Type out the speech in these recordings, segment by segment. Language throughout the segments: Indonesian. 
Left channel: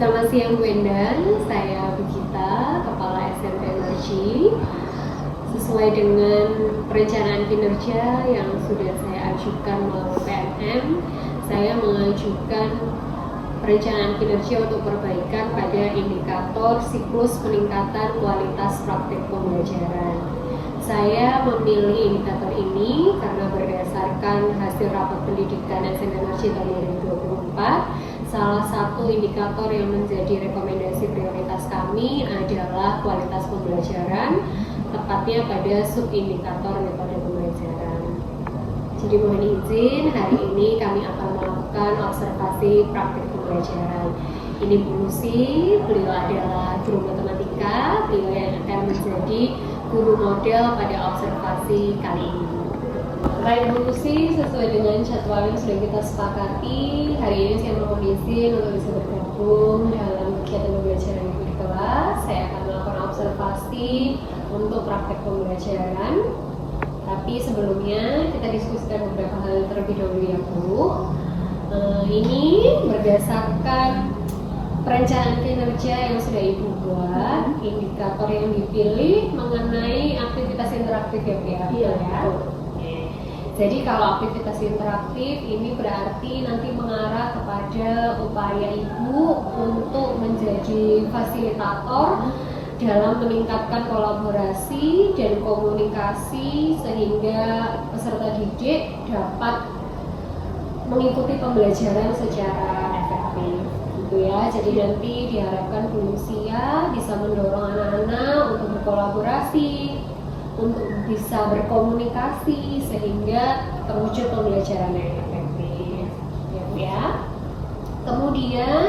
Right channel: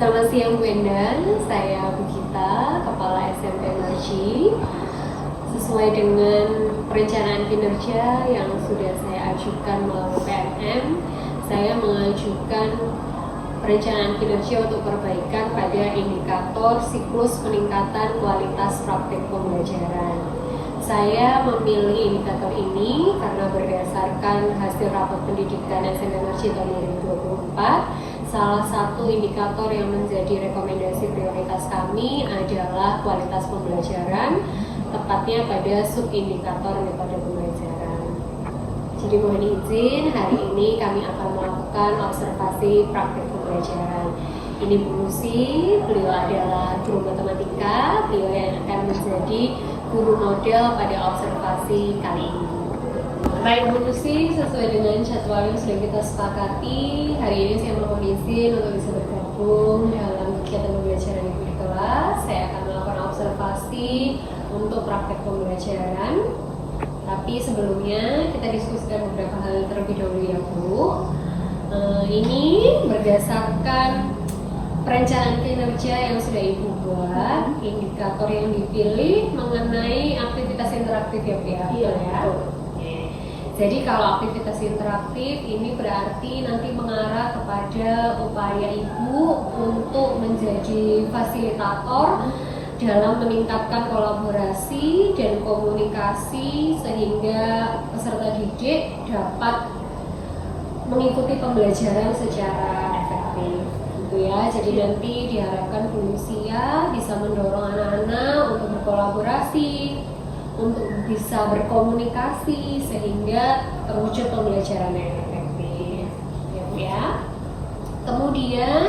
Selamat siang Bu Endan, saya Bu Gita, Kepala SMP Energi. Sesuai dengan perencanaan kinerja yang sudah saya ajukan melalui PMM, saya mengajukan perencanaan kinerja untuk perbaikan pada indikator siklus peningkatan kualitas praktik pembelajaran. Saya memilih indikator ini karena berdasarkan hasil rapat pendidikan SMP Energi tahun 2024, salah satu indikator yang menjadi rekomendasi prioritas kami adalah kualitas pembelajaran, tepatnya pada subindikator metode pembelajaran. Jadi mohon izin, hari ini kami akan melakukan observasi praktik pembelajaran. Ini Bu Lucy, beliau adalah guru matematika, beliau yang akan menjadi guru model pada observasi kali ini. Baik Bu Lucy, sesuai dengan jadwal yang sudah kita sepakati, hari ini saya mohon izin untuk bisa bergabung dalam kegiatan pembelajaran di kelas. Saya akan melakukan observasi untuk praktek pembelajaran. Tapi sebelumnya kita diskusikan beberapa hal terlebih dahulu ya Bu. Ini berdasarkan perencanaan kinerja yang sudah Ibu buat, indikator yang dipilih mengenai aktivitas interaktif ya Bu ya. Iya ya. Jadi kalau aktivitas interaktif ini berarti nanti mengarah kepada upaya Ibu untuk menjadi fasilitator dalam meningkatkan kolaborasi dan komunikasi sehingga peserta didik dapat mengikuti pembelajaran secara efektif. Gitu ya. Jadi nanti diharapkan Bu Lucia bisa mendorong anak-anak untuk berkolaborasi, untuk bisa berkomunikasi sehingga terwujud pembelajaran yang efektif, ya. Kemudian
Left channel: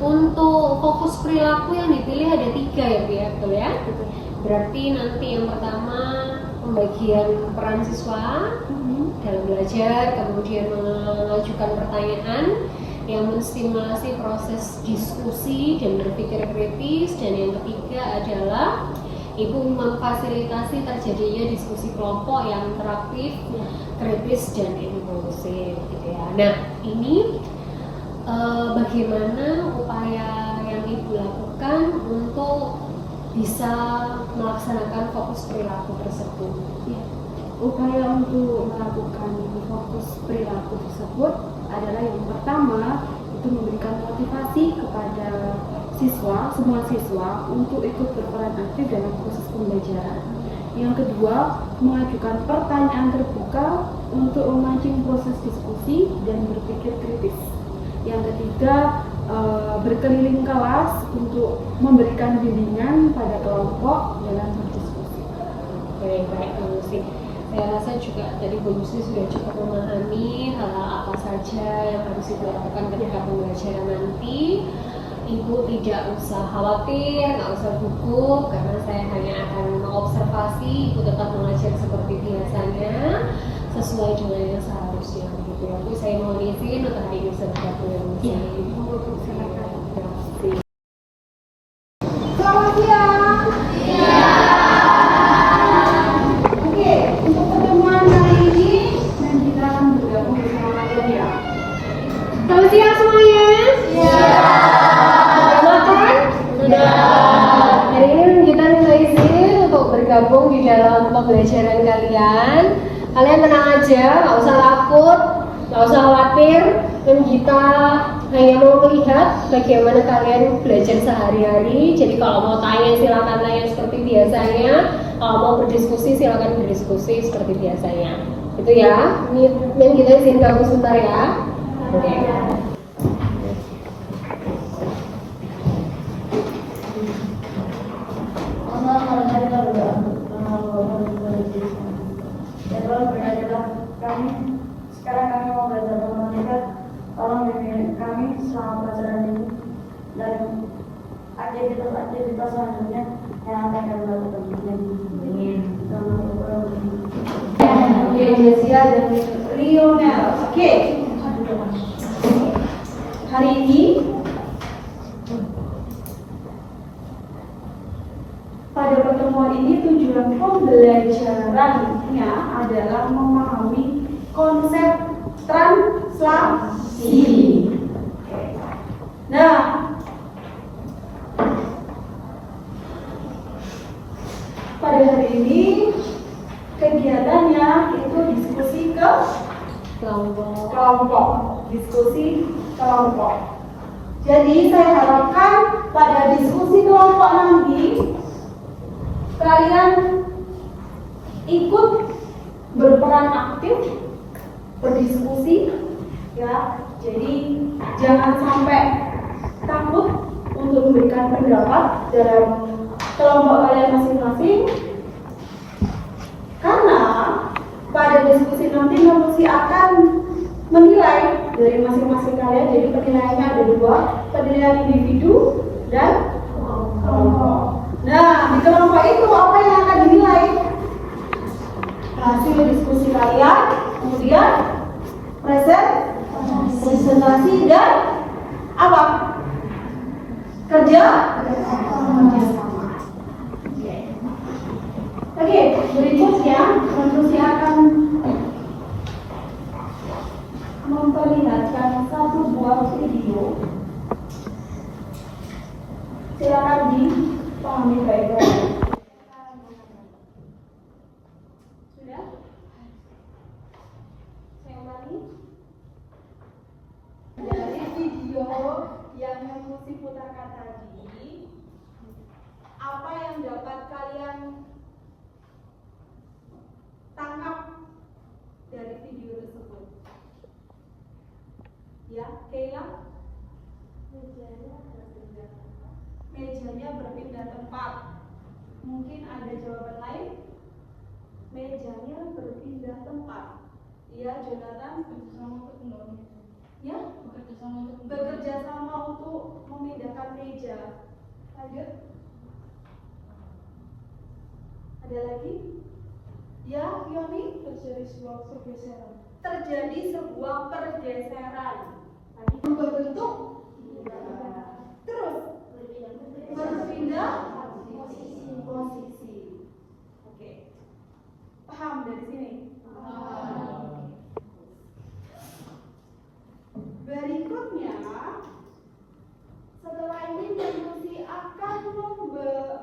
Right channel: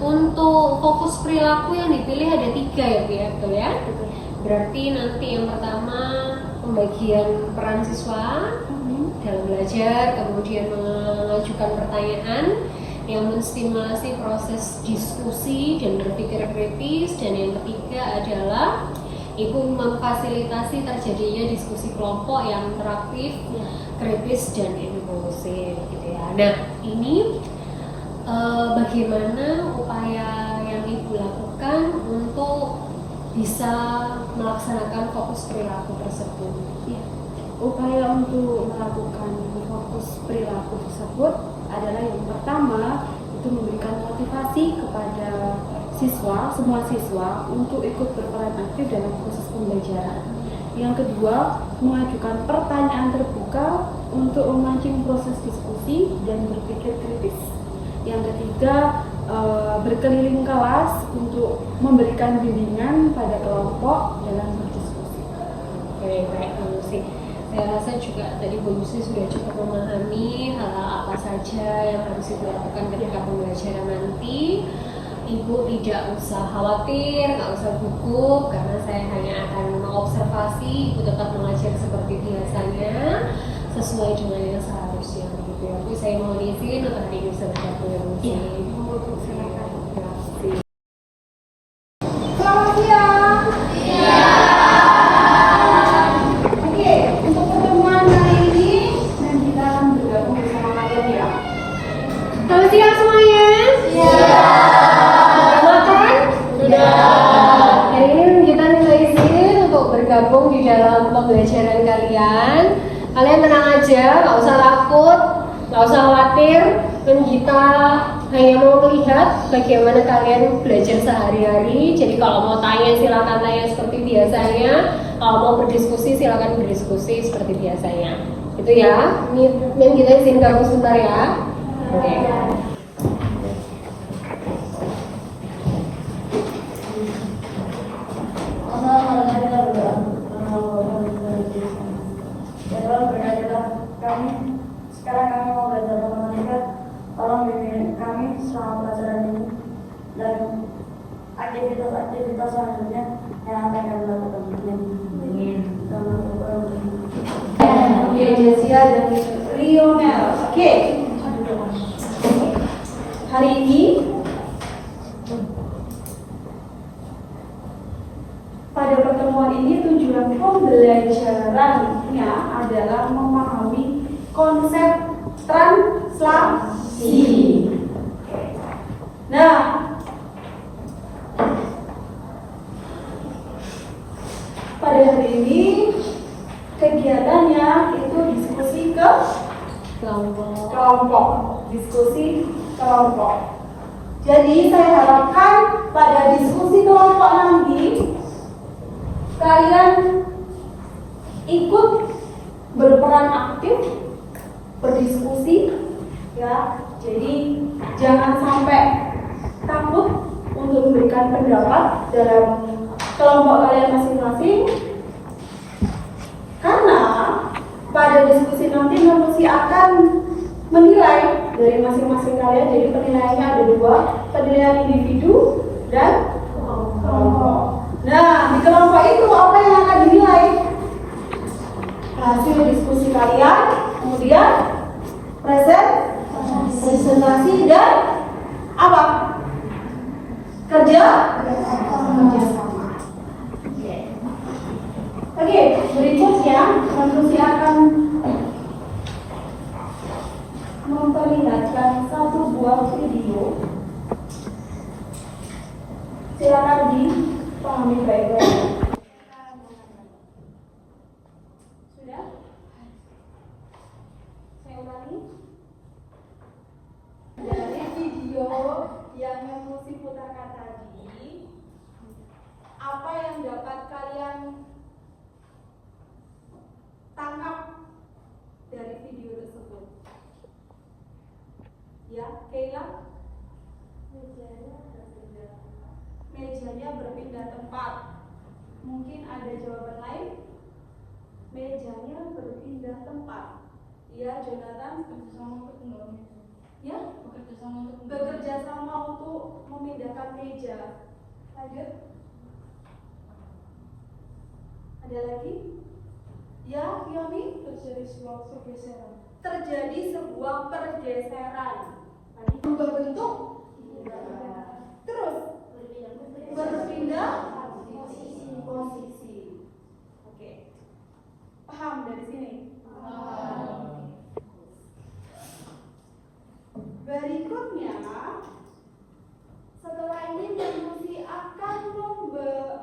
untuk fokus perilaku yang dipilih ada 3 ya, betul ya. Berarti nanti yang pertama pembagian peran siswa dalam belajar, kemudian mengajukan pertanyaan yang menstimulasi proses diskusi dan berpikir kritis, dan yang ketiga adalah Ibu memfasilitasi terjadinya diskusi kelompok yang interaktif, kritis, dan inklusif. Gitu ya. Nah, ini bagaimana upaya yang Ibu lakukan untuk bisa melaksanakan fokus perilaku tersebut? Upaya untuk melakukan fokus perilaku tersebut adalah yang pertama itu memberikan motivasi kepada semua siswa untuk ikut berperan aktif dalam proses pembelajaran. Yang kedua, mengajukan pertanyaan terbuka untuk memancing proses diskusi dan berpikir kritis. Yang ketiga, berkeliling kelas untuk memberikan bimbingan pada kelompok dalam berdiskusi. Baik, Bu Lucy. Saya rasa juga tadi Bu Lucy sudah cukup memahami hal apa saja yang harus dilakukan ketika pembelajaran nanti. Ibu tidak usah khawatir, nggak usah gugup, karena saya hanya akan mengobservasi. Ibu tetap mengajar seperti biasanya, sesuai dengan yang seharusnya. Gitu ya. Bu, saya mohon izin untuk hari ini bisa bergabung dengan Bu. Ibu, silakan. Selamat siang. Oke, untuk pertemuan hari ini kita akan bergabung bersama kalian ya. Selamat siang semuanya. Bergabung di dalam pembelajaran kalian. Kalian tenang aja, nggak usah takut, nggak usah khawatir. Dan kita hanya mau melihat bagaimana kalian belajar sehari-hari. Jadi kalau mau tanya silakan tanya seperti biasanya. Kalau mau berdiskusi silakan berdiskusi seperti biasanya. Itu ya. Ini kita izin kamu sebentar ya. Oke. Sekarang kami mau belajar matematika. Tolong bimbing kami selama pelajaran ini dan aktivitas selanjutnya yang akan dilakukan. Oke, Jessica dan Lionel. Oke. Hari ini pada pertemuan ini tujuan pembelajarannya adalah memahami konsep translasi. Nah, diskusi kelompok. Jadi saya harapkan pada diskusi kelompok nanti kalian ikut berperan aktif berdiskusi ya. Jadi jangan sampai takut untuk memberikan pendapat dalam kelompok kalian masing-masing, karena pada diskusi nanti manusia akan menilai dari masing-masing kalian. Jadi penilaiannya ada dua, penilaian individu dan kelompok. Nah, di kelompok itu apa yang akan dinilai? Hasil diskusi kalian, kemudian presentasi dan apa? Kerja sama. Oke, berikutnya manusia akan memperlihatkan satu buah video. Silakan dipahami baik-baik. Sudah? Saya ulangi. Dari video yang Musi putarkan tadi, apa yang dapat kalian tangkap dari video tersebut? Ya, Kayla? Mejanya berpindah tempat. Mungkin ada jawaban lain? Mejanya berpindah tempat. Iya, Jonathan? Ya? Bekerja sama untuk memindahkan meja. Ada? Ada lagi? Ya, Yomi? Terjadi sebuah pergeseran. Tadi berbentuk terus berpindah posisi. Oke. Paham dari sini? Berikutnya, setelah ini diskusi akan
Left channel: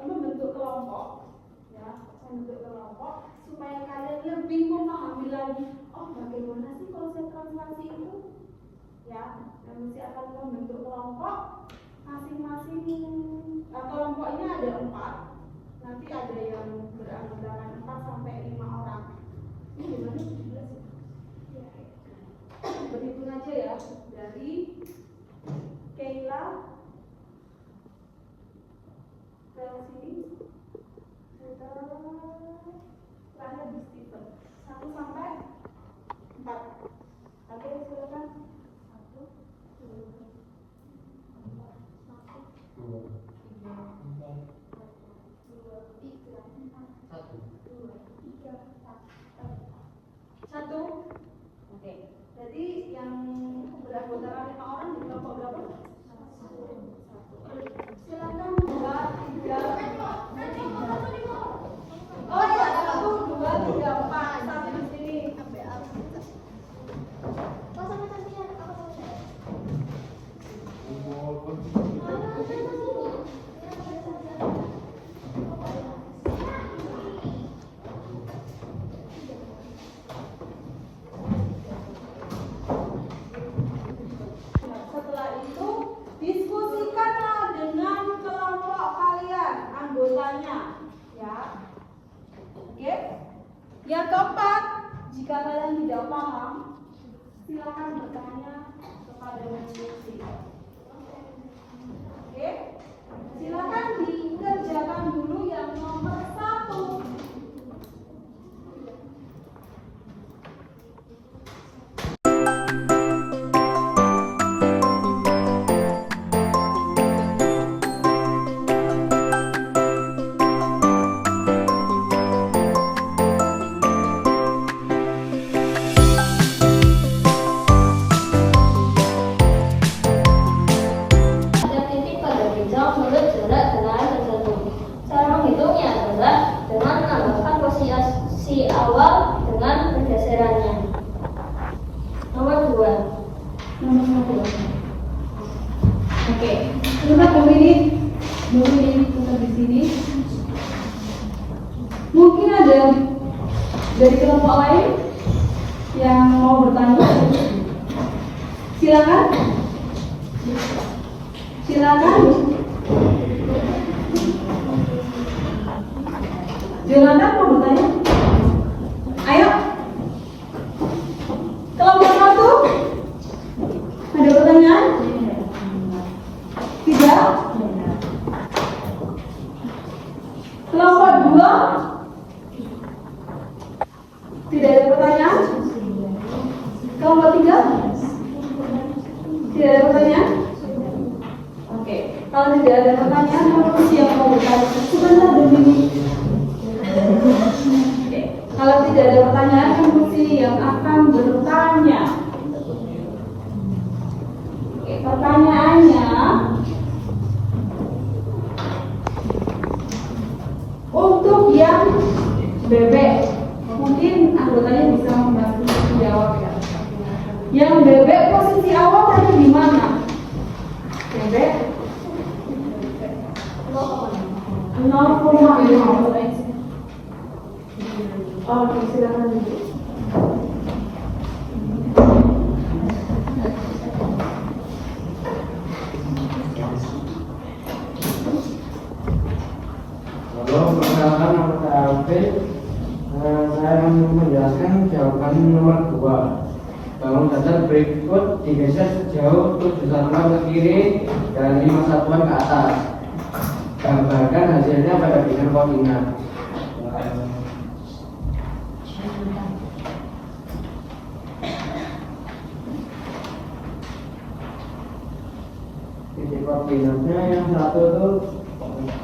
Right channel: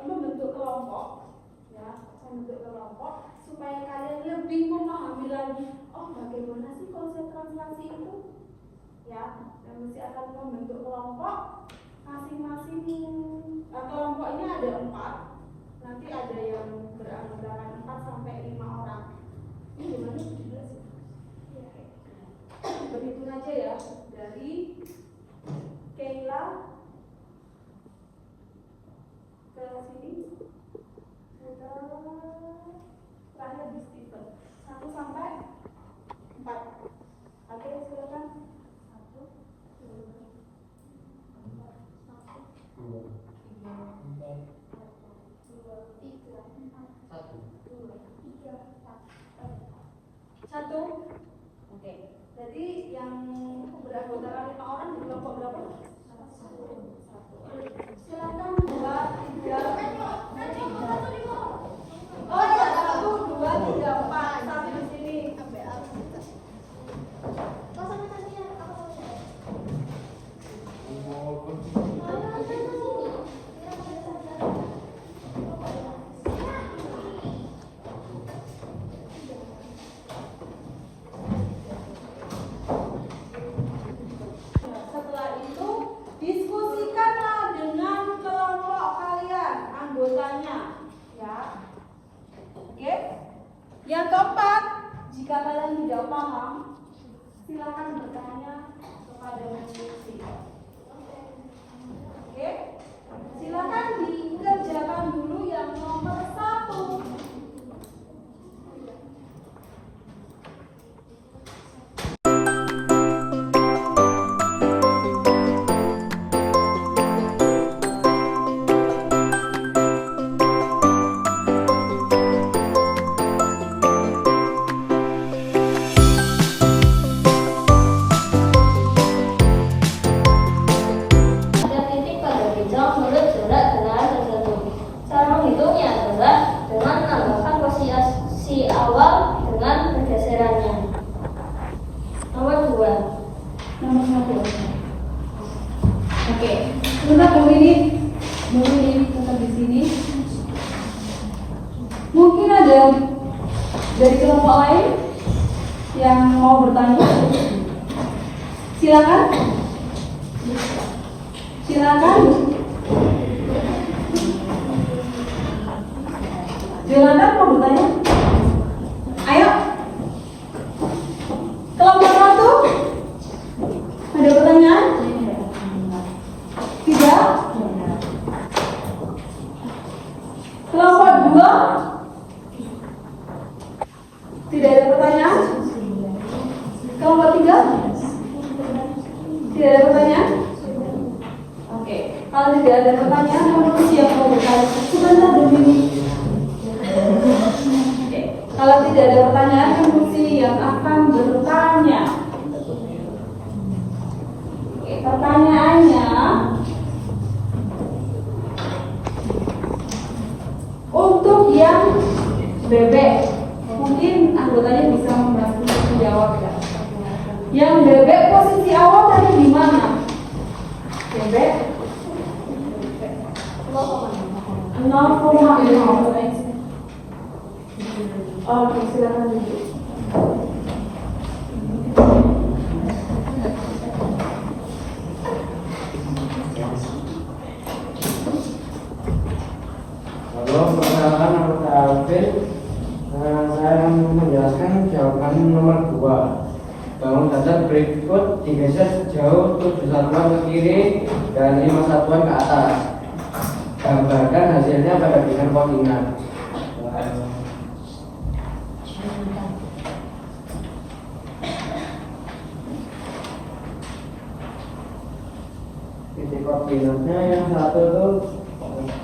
membentuk kelompok, ya, membentuk kelompok supaya kalian lebih memahami lagi. Oh, bagaimana sih konsep translasi itu? Ya, yang mesti akan membentuk kelompok masing-masing. Kelompok ini ada 4. Nanti ada yang beranggotakan 4 sampai 5 orang. Ini gimana sih? Berhitung aja ya, dari Kayla ke sini kita di Stephen 1 sampai 4. Oke, silakan. 1, 2, 1. Oke. Jadi yang beranggotakan 5 orang di kelompok berapa? 1. Silakan 2, 3, 4. Oh ya, 1, 2, 3, 4. Sampai di sini. Yang keempat, jika kalian tidak paham, silakan bertanya kepada Musi. Oke, silakan dikerjakan dulu yang nomor 1. Dari kelompok lain yang mau bertanya? Silakan. Silakan. Silakan mau bertanya. Ayo. Kelompok 1. Ada pertanyaan? Tidak. Kelompok 2. Tidak ada pertanyaan? Kelompok 3. Tidak ada pertanyaan? Oke, kalau tidak ada pertanyaan, mungkin siapa mau bertanya? Sebentar dulu. Oke, kalau tidak ada pertanyaan, mungkin yang akan bertanya. Oke, pertanyaannya, untuk yang bebek, mungkin anggotanya bisa membantu menjawab ya. Yang bebek posisi awal tadi di mana? Bebek 0,5. Oh, oke, silakan dulu. Halo, perkenalkan nama saya Alvin. Saya menjelaskan jawaban nomor 2. Bangun dasar berikut digeser sejauh 7 satuan ke kiri dan 5 satuan ke atas. Gambarkan hasilnya pada bidang koordinat. Titik koordinatnya yang satu tuh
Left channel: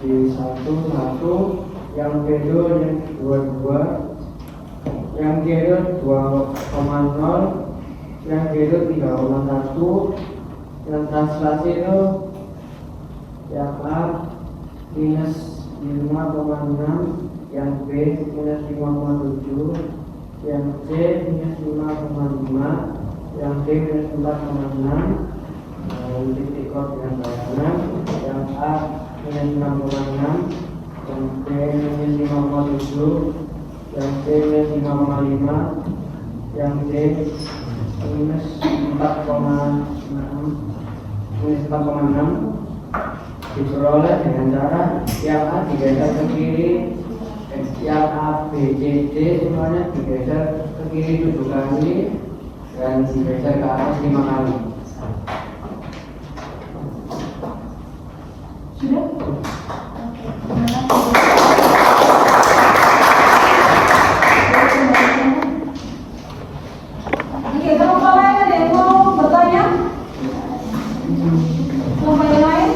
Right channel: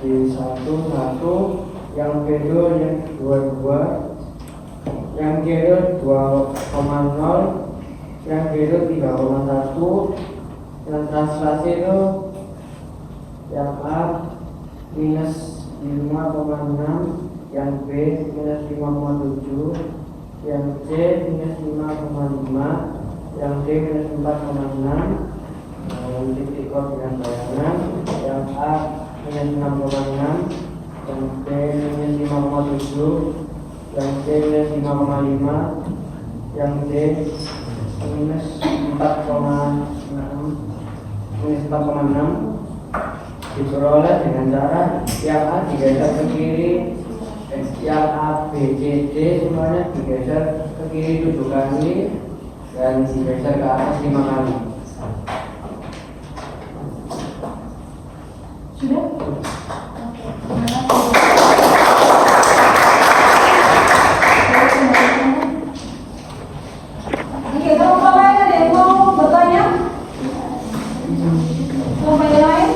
di 1, yang kedua yang 2, yang kiri 2,0, yang kiri 3,1, yang translasi itu yang A minus 5,6, yang B minus 5,7, yang C minus 5,5, yang D minus 4,6, titik koordinat bayangan yang A minus 6,6, yang B minus 5,7, yang C minus 5,5, yang D minus 4,6 diperoleh dengan cara yang A digeser ke kiri, yang A, B, C, D semuanya digeser ke kiri 7 kali dan digeser ke atas 5 kali. Oke, kelompok lain ada yang mau bertanya? Kelompok yang lain?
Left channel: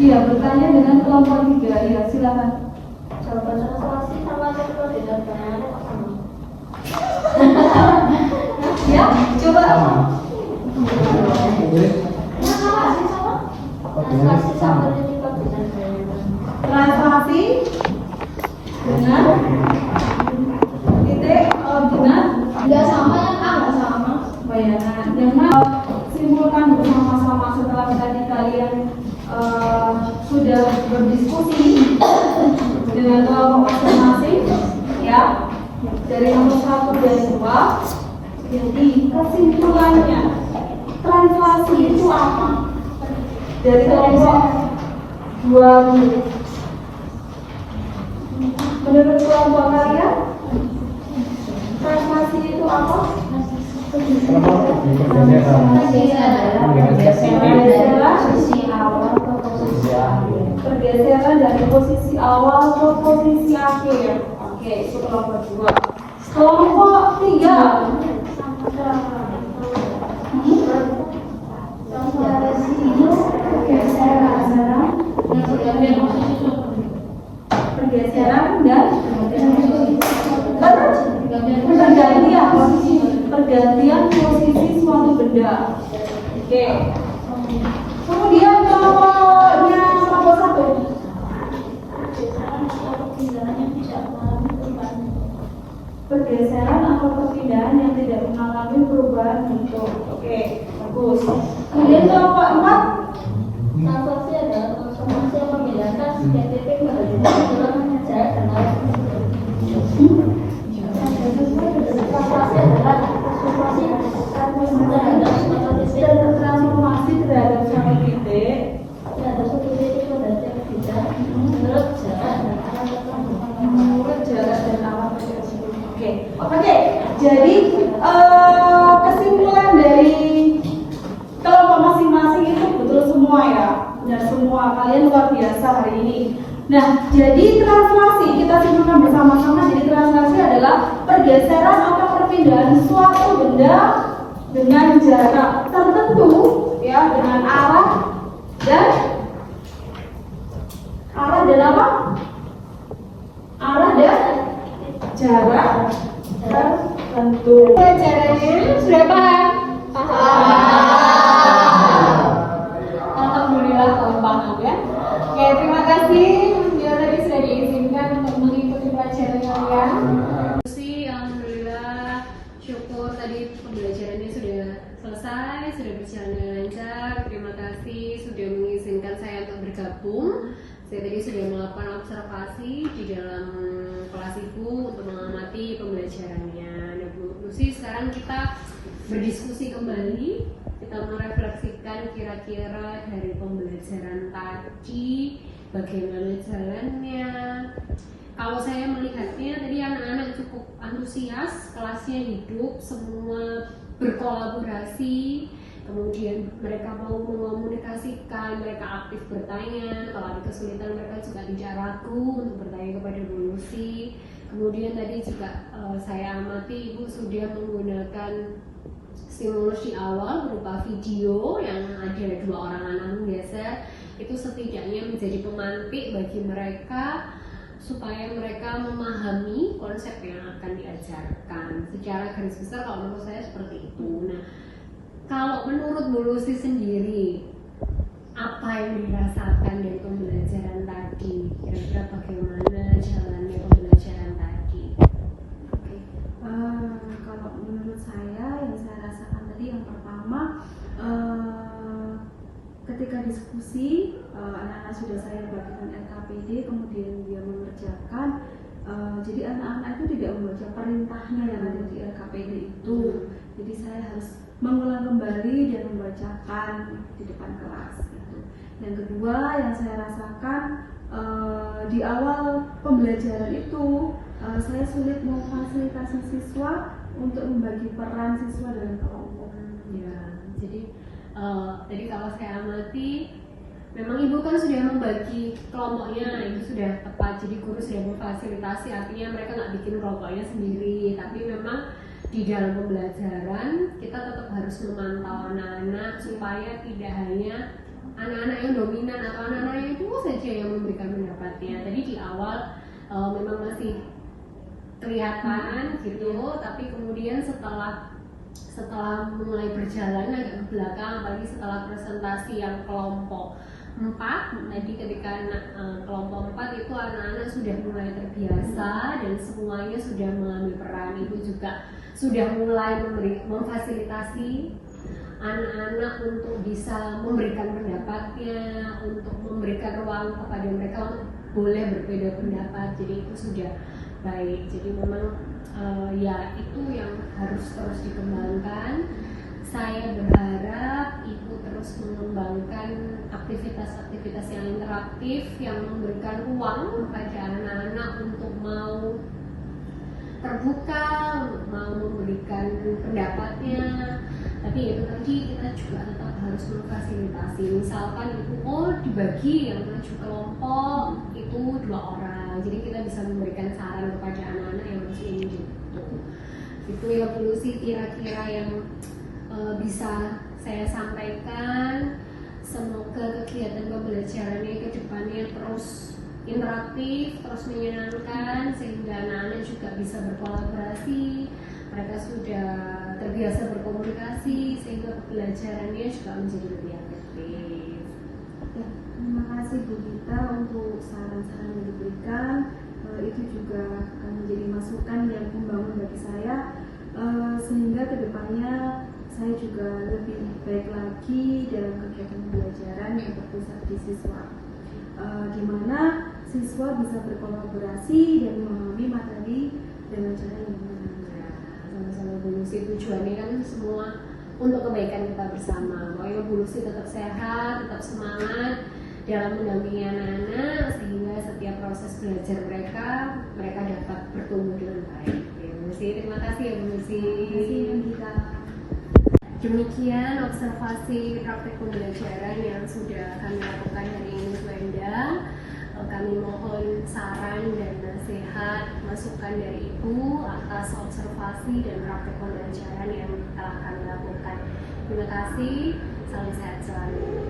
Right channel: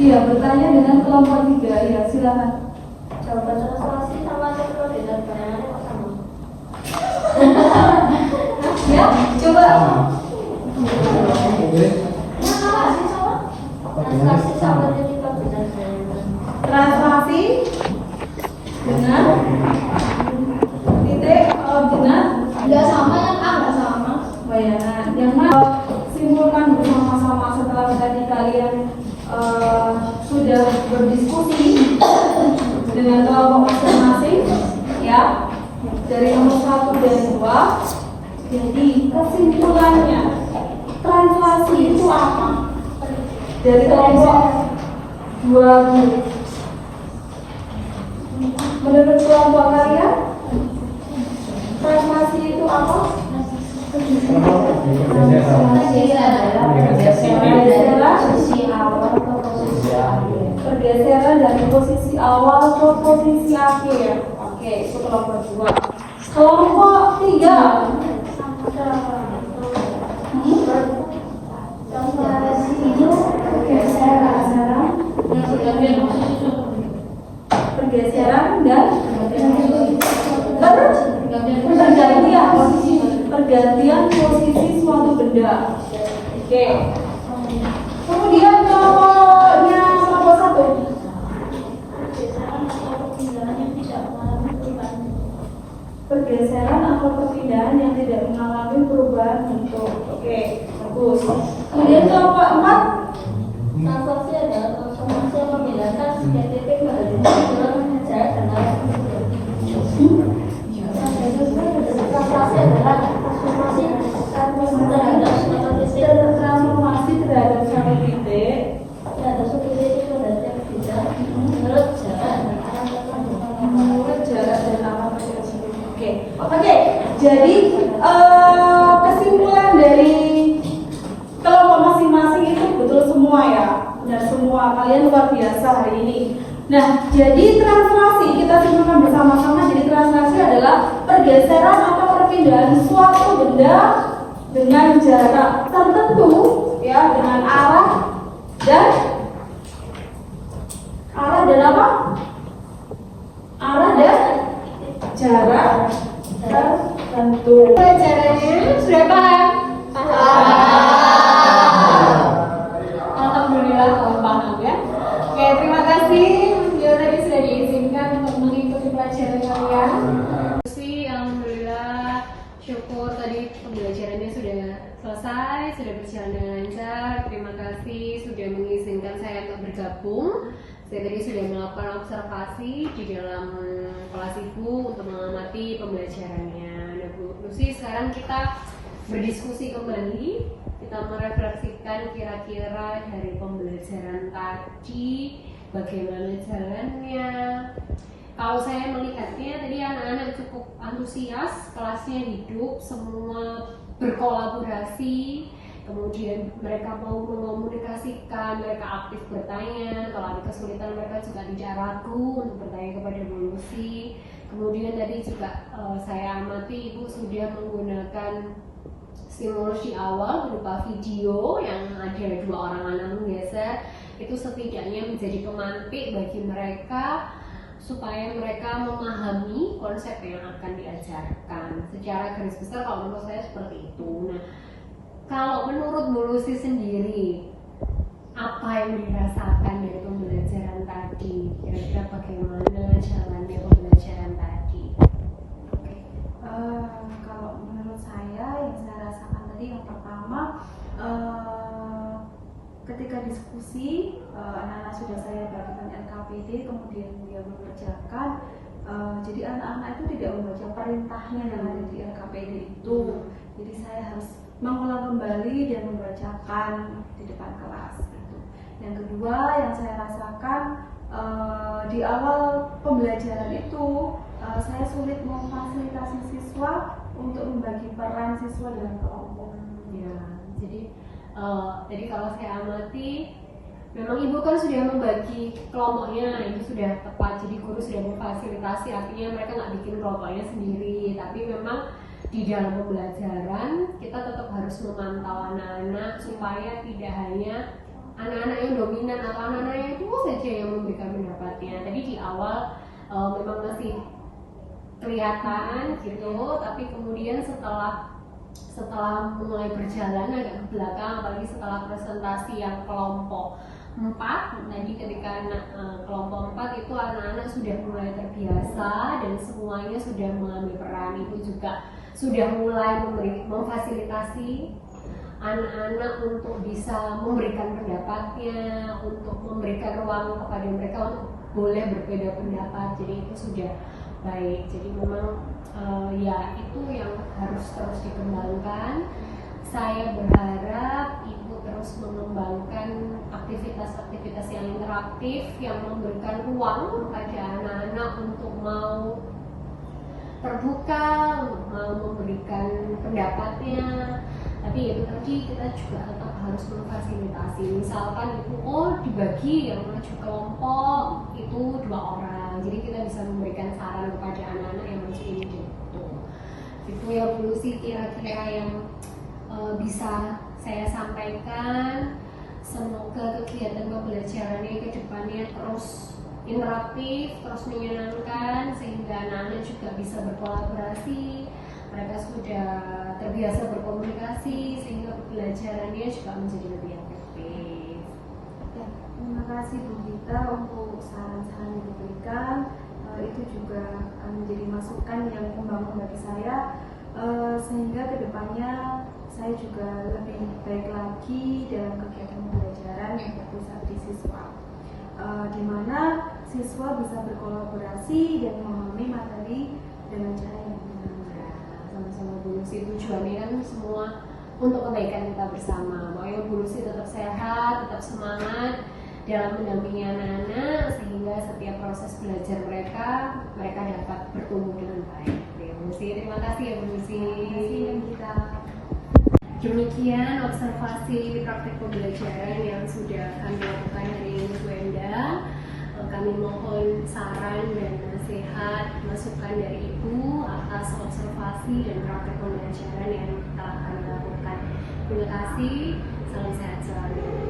Iya, bertanya dengan kelompok 3. Iya, silakan. Jawaban translasi sama koordinat bayangannya kok sama? Ya, coba. Sama sih sama? Translasi sama titik koordinat bayangan. Translasi dengan titik koordinat Nggak sama yang A nggak sama. bayangan. Yang mana simpulkan bersama-sama setelah tadi kalian sudah berdiskusi dengan kelompok masing-masing, ya, dari nomor 1 dan 2. Jadi kesimpulannya, translasi itu apa? Dari kelompok 2 dulu. Menurut kelompok kalian, translasi itu apa? Pergeseran dari posisi awal ke posisi akhir. Oke, itu kelompok 2. Kelompok 3. Pergeseran dan pergantian posisi suatu benda. Oke. Kemudian kelompoknya nomor 1. Pergeseran atau perpindahan yang tidak mengalami perubahan bentuk. Oke, bagus. Kemudian kelompok 4. Translasi adalah transformasi yang membedakan setiap titik berada dalam mengejar dan Jadi translasi kita simakkan bersama-sama. Jadi translasi adalah pergeseran atau perpindahan suatu benda dengan jarak tertentu, ya, dengan arah dan apa? Arah dan jarak tertentu. Caranya sudah paham? Alhamdulillah paham ya. Oke, terima kasih yang tadi sudah diizinkan untuk mengikuti pelajaran kalian. Alhamdulillah, syukur tadi pembelajarannya sudah selesai, sudah berjalan dengan lancar. Terima kasih sudah mengizinkan saya untuk bergabung. Saya tadi sudah melakukan observasi di dalam kelas ibu untuk mengamati pembelajarannya. Nah, Bu Lucy, sekarang kita berdiskusi kembali. Kita merefleksikan kira-kira dari pembelajaran tadi bagaimana jalannya. Kalau saya melihatnya tadi anak-anak cukup antusias, kelasnya hidup, semua berkolaborasi, kemudian mereka mau mengomunikasikan, mereka aktif bertanya, kalau ada kesulitan mereka juga tidak ragu untuk bertanya kepada Bu Lucy. Kemudian tadi juga saya amati Ibu sudah menggunakan stimulus di awal berupa video yang ada 2 orang anak menggeser, itu setidaknya menjadi pemantik bagi mereka supaya mereka memahami konsep yang akan diajarkan. Secara garis besar kalau menurut saya seperti itu. Nah, kalau menurut Bu Lucy sendiri, apa yang dirasakan dari pembelajaran tadi? Kira-kira bagaimana jalannya pembelajaran tadi? Oke. Kalau menurut saya yang saya rasakan tadi yang pertama, ketika diskusi anak-anak sudah saya bagikan LKPD, kemudian dia mengerjakan. Jadi anak-anak itu tidak membaca perintahnya yang ada di LKPD itu. Jadi saya harus mengulang kembali dan membacakan di depan kelas. Gitu. Yang kedua yang saya rasakan di awal pembelajaran itu saya sulit memfasilitasi siswa untuk membagi peran siswa dalam kelompok. Ya, jadi kalau saya amati, memang Ibu kan sudah membagi kelompoknya, ini sudah tepat. Jadi guru sudah memfasilitasi, artinya mereka nggak bikin kelompoknya sendiri. Tapi memang di dalam pembelajaran kita tetap harus memantau anak-anak supaya tidak hanya anak-anak yang dominan atau anak-anak yang itu saja yang memberikan pendapatnya. Tadi di awal memang masih kelihatan gitu, tapi kemudian setelah mulai berjalan agak ke belakang, apalagi setelah presentasi yang kelompok 4, tadi ketika kelompok 4 itu anak-anak sudah mulai terbiasa dan semuanya sudah mengambil peran. Ibu juga sudah mulai memfasilitasi anak-anak untuk bisa memberikan pendapatnya, untuk memberikan ruang kepada mereka untuk boleh berbeda pendapat. Jadi itu sudah baik. Jadi memang ya itu yang harus terus dikembangkan. Saya berharap Ibu terus mengembangkan aktivitas-aktivitas yang interaktif yang memberikan ruang kepada anak-anak untuk mau terbuka, mau memberikan pendapatnya. Tapi itu tadi kita juga tetap harus memfasilitasi. Misalkan itu dibagi yang maju kelompok itu 2 orang, jadi kita bisa memberikan saran kepada anak-anak yang masih ini gitu. Itu yang dulu sih kira-kira yang bisa saya sampaikan. Semoga kegiatan pembelajarannya ke depannya terus interaktif, terus menyenangkan, sehingga anak-anak juga bisa berkolaborasi. Mereka sudah terbiasa berkomunikasi, sehingga pembelajarannya juga menjadi lebih efektif. Terima kasih Bu Gita untuk saran-saran yang diberikan. Itu juga menjadi masukan yang membangun bagi saya, sehingga kedepannya saya juga lebih baik lagi dalam kegiatan pembelajaran yang berpusat di siswa, di mana siswa bisa berkolaborasi dan memahami materi dengan cara yang benar. Sama Bu Lucy, tujuannya kan semua untuk kebaikan kita bersama. Pokoknya Bu Lucy tetap sehat, tetap semangat dalam mendampingi anak-anak, sehingga setiap proses belajar mereka dapat bertumbuh dengan baik. Oke, Bu Lucy, terima kasih ya Bu Lucy. Demikian observasi praktik pembelajaran yang sudah kami lakukan hari ini Bu Endang. kami mohon saran dan nasihat, masukan dari Ibu atas observasi dan praktek pembelajaran yang telah kami lakukan. Terima kasih, salam sehat selalu.